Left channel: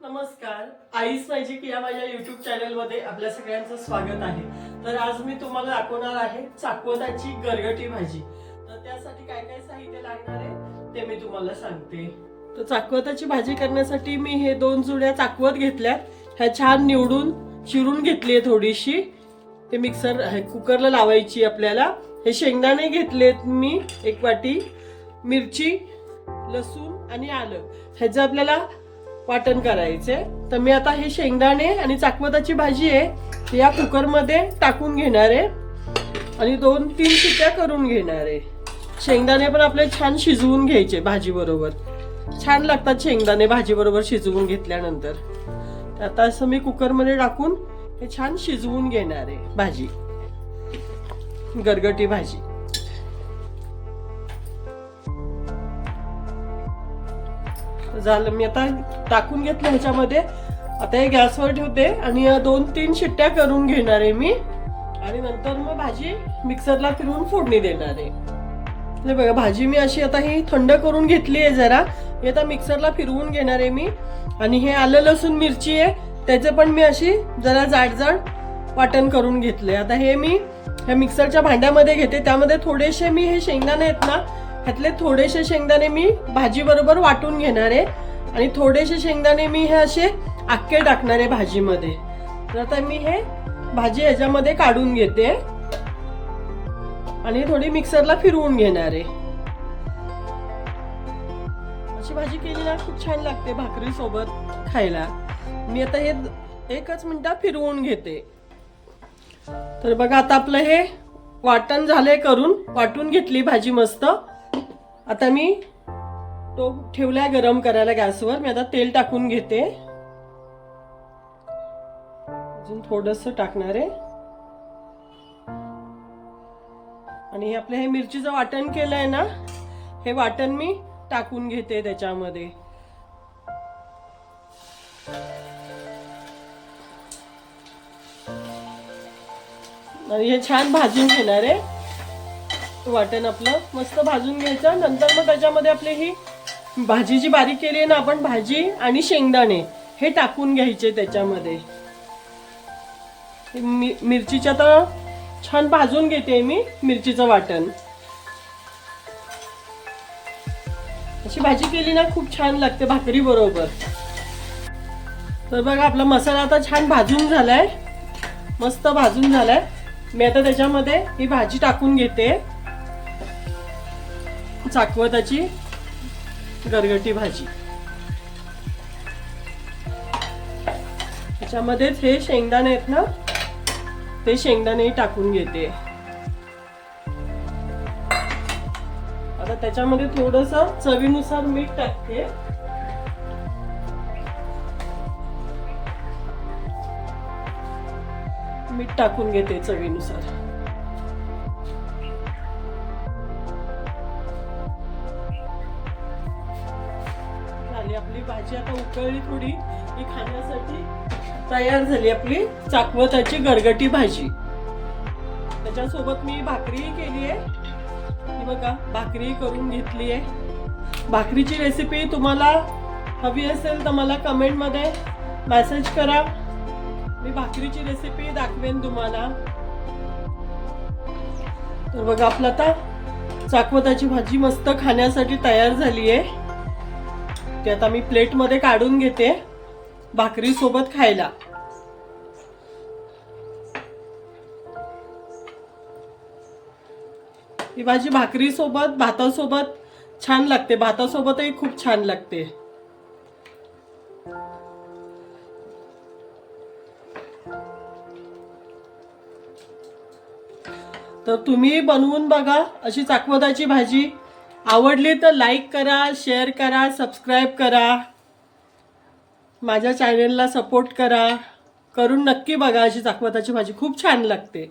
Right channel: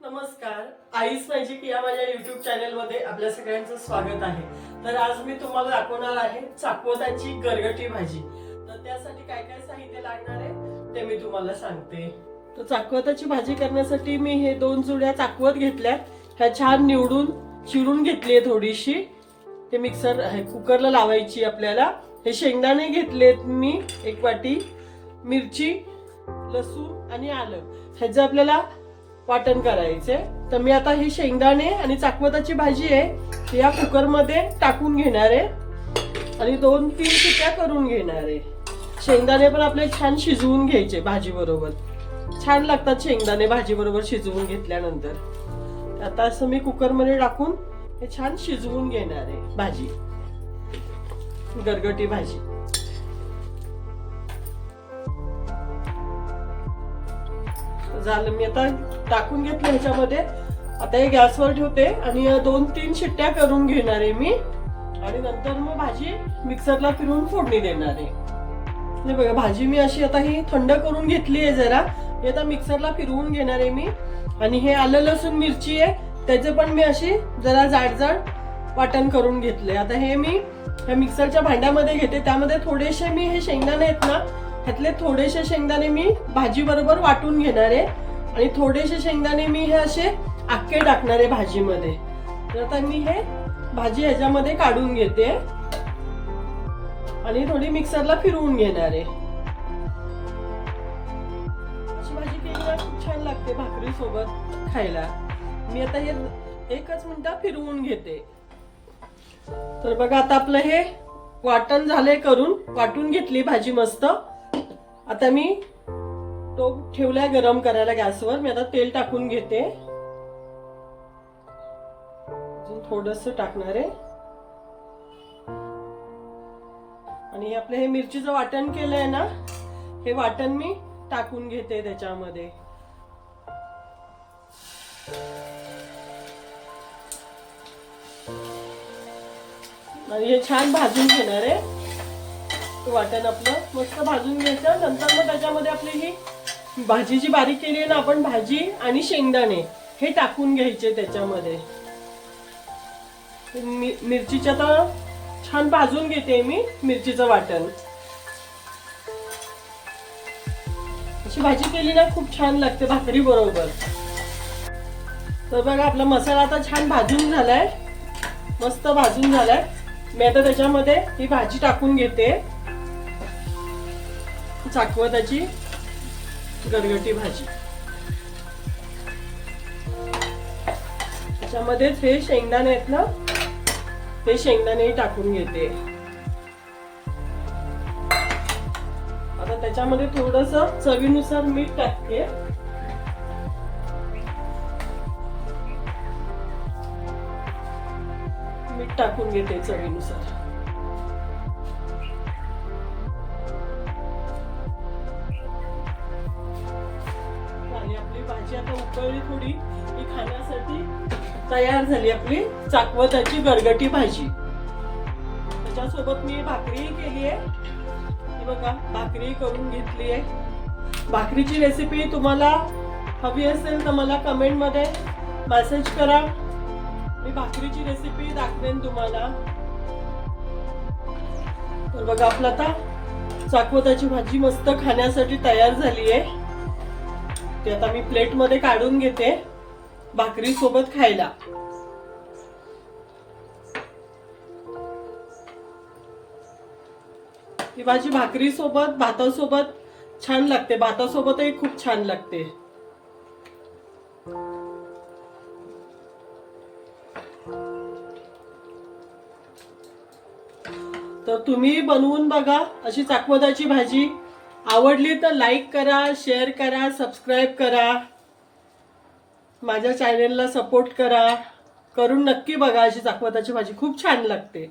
नमस्कार, ice magic या माझ्या युट्यूब चॅनलमध्ये आपल्या सगळ्यांचं स्वागत आहे। तर आज मी तुम्हाला दाखवणार आहे चाकवताची गरगटी भाजी। तर त्यासाठी काय काय साहित्य लागणार आहे ते मी तुम्हाला सांगते। तर चाकवताची भाजी करण्यासाठी मी हे 2 जुड्या चाकवत घेतल्यात। ह्या छान निवडून चिरून घेतली आहे थोडीशी। ते मिक्सर कुकरला लावायची आपल्याला। हे शेंगदाणे घेतलेत मी 1 वाटी, मिरची, लसूण आणि आलं ह्याचं आपल्याला वाटण करायचे। तर मी आता हे शेंगदाणे आणि चाकवताची भाजी आहे या कुकर मध्ये टाकून घेणार आहे आणि 2-3 शिट्ट्या करून घेणार आहे। शेंगदाणे पण आपले छान शिजवून घ्यायचे भाजी बरोबर। छान लागतात शेंगदाणे भाजी बरोबर शिजवून घेतल्यानंतर। तर आता असं मी कुकर मध्ये टाकून हे छान शिजवून घेणार आहे भाजी, गरगटी भाजी। झालं, मी आता टाकून घेतलं ह्याच्यामध्ये। आता हे गॅसवर ठेवते आणि 2-3 शिट्ट्या करून घेणार आहे मी आणि नंतर मग भाजी मिक्सरला फिरवून फोडणी देणार आहे। हे बघा, भाजी मी अशी आता ही थंड करून घेतली आहे जरा। हे आता मिक्सरला फिरवून घेणार आहे मी आणि हे आलं लसूण मिरची आहे त्याचे पण मी अशी जरा जाड वाटण करून घेतले। आता हे मी ह्या मिक्सरच्या भांड्यामध्ये घेते। त्यामध्ये थोडेसे मी हे शेंगदाणे आहेत ना, ह्यातले थोडेसे शेंगदाणे मी भाजी बरोबर वाटून घेणार आहे आणि थोडेसे शेंगदाणे मी हे असे अख्खे टाकणार आहे भाजीमध्ये। तर आता मी हे भाजी ह्याच्यामध्ये काढून घेते आणि थोडी मिक्सरला फिरवून घेणार आहे। अशी भाजी केली ना खूप छान लागते भाकरी सोबत खायला। मी आता हे 1 मिनिटात फिरवून घेते। तर बघा, आता आपलं हे वाटण झालंय करून, वाटून घेतली भाजी मस्त। आता मी तो ठेवलाय गरम करायला गॅसवर। मी आता तेल टाकून घेते, अजून थोडंसं टाकणार आहे आणि आपलं हे मिरचीचं वाटण केलंय ना, हे वाटण मी टाकून घेते त्याच्यामध्ये। आणि हे छान भाजून घेणार आहे वाटण आपलं, मस्त भाजून घ्यायचं। नंतर मग त्याच्यामध्ये आपली ही भाजी जी बारीक केली आहे ना आपण, भाजी आणि शेंगदाणे हे टाकून घ्यायचे त्याच्यामध्ये। मिरचीच्या तर छान भाजून घेते मी मिरचीचं वाटण। अशी भाजी केली ना खूप छान लागते भाकरी बरोबर। तर बघा, आपला मसाला आता छान भाजून झालाय, मस्त भाजून झालाय। मी आता त्याच्यामध्ये ही भाजी टाकून घेते, चाकवताची गरगटी भाजी। त्याच्यामध्येच हे शेंगदाणे आहेत ना, ते शेंगदाणे टाकून घेते। आता त्याच्यामध्ये थोडंसं चवीनुसार मीठ टाकते। मीठ टाकून घेते चवीनुसार। आपली भाजी आता उकळली थोडी, ही खाण्यासाठी तयार झाली आपली चाकवताची गरगटी भाजी। त्याच्यासोबत मी भाकरी केली आहे, ही बघा भाकरी करून घेतली आहे। भाकरीची रेसिपी तुम्हाला हवी असेल तर मला कमेंट मध्ये मेसेज करा, मी भाकरीची रेसिपी दाखवेन तुम्हाला। तर बघा, आपलं आता चाकवताची भाजी मस्त खाण्यासाठी तयार झाली आहे। ते आता मी प्लेट मध्ये काढून घेते भाकरी सोबत खायला। ही भाजी भाकरी सोबत, भातासोबत छान लागते, भातासोबतही खूप छान लागते। तर तुम्ही बनवून बघा अशी चाकवताची भाजी। आवडली तर लाईक करा, शेअर करा, सबस्क्राईब करा, माझ्या चॅनेलला सपोर्ट करा। करून नक्की बघा, अशी चाकवताची भाजी खूप छान लागते।